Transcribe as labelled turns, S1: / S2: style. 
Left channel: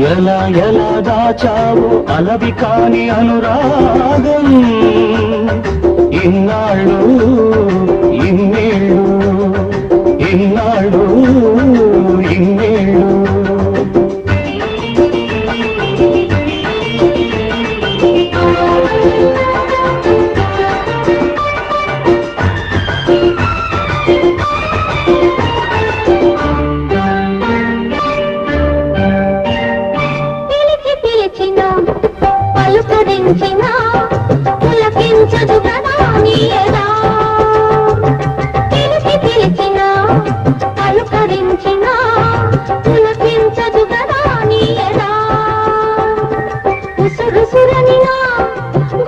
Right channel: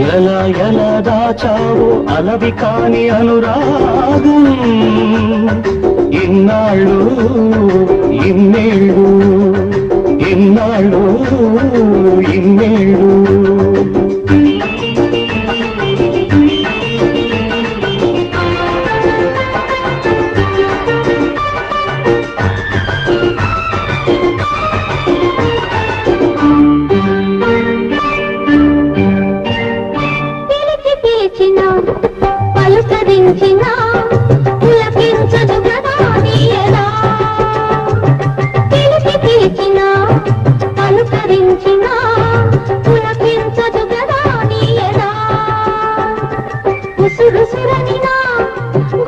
S1: ఎలా ఎలా దాచావో అలవి కాని అనురాగం. ఇన్నాళ్ళు ఇన్నేళ్ళు ఇన్నాళ్ళు
S2: పులకించదు కదా నీ ఎద